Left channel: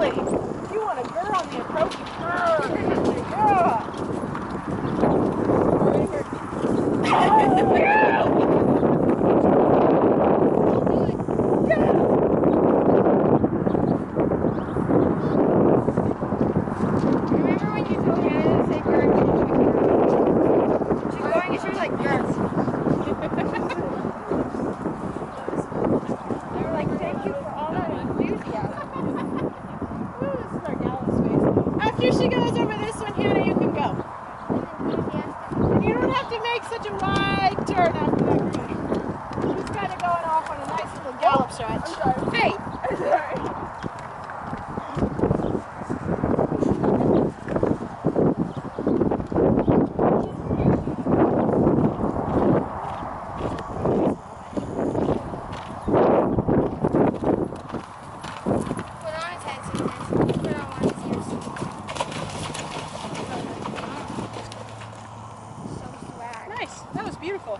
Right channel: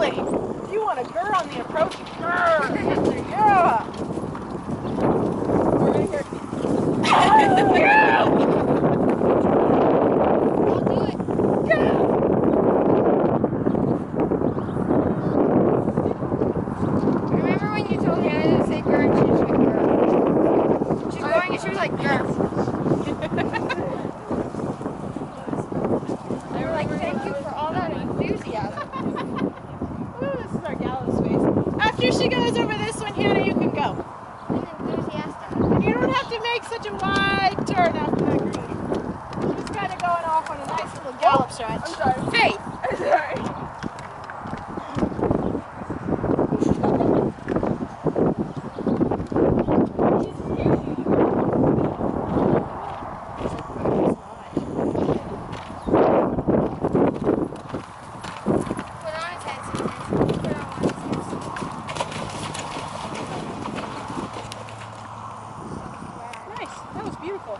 lovely. If you want a grr on the approach, grr. Yeah. We're gonna hear. I'll do it. Remember when you told me I didn't say grr and she just went grr? She's going and she was like grr. They were like, thank you for all that enthusiasm. Ooh, this is our gallows space. After she goes over this one, Hannah, you can go. Enthusiastic. And you don't have to make such a wide turn after that green. She's kind of going off on a nice little gallop stretch. I'm sorry. Hey! I'm sorry. Put on his head, Susan. Put on one of his ears. So swag. Nice. That was beautiful.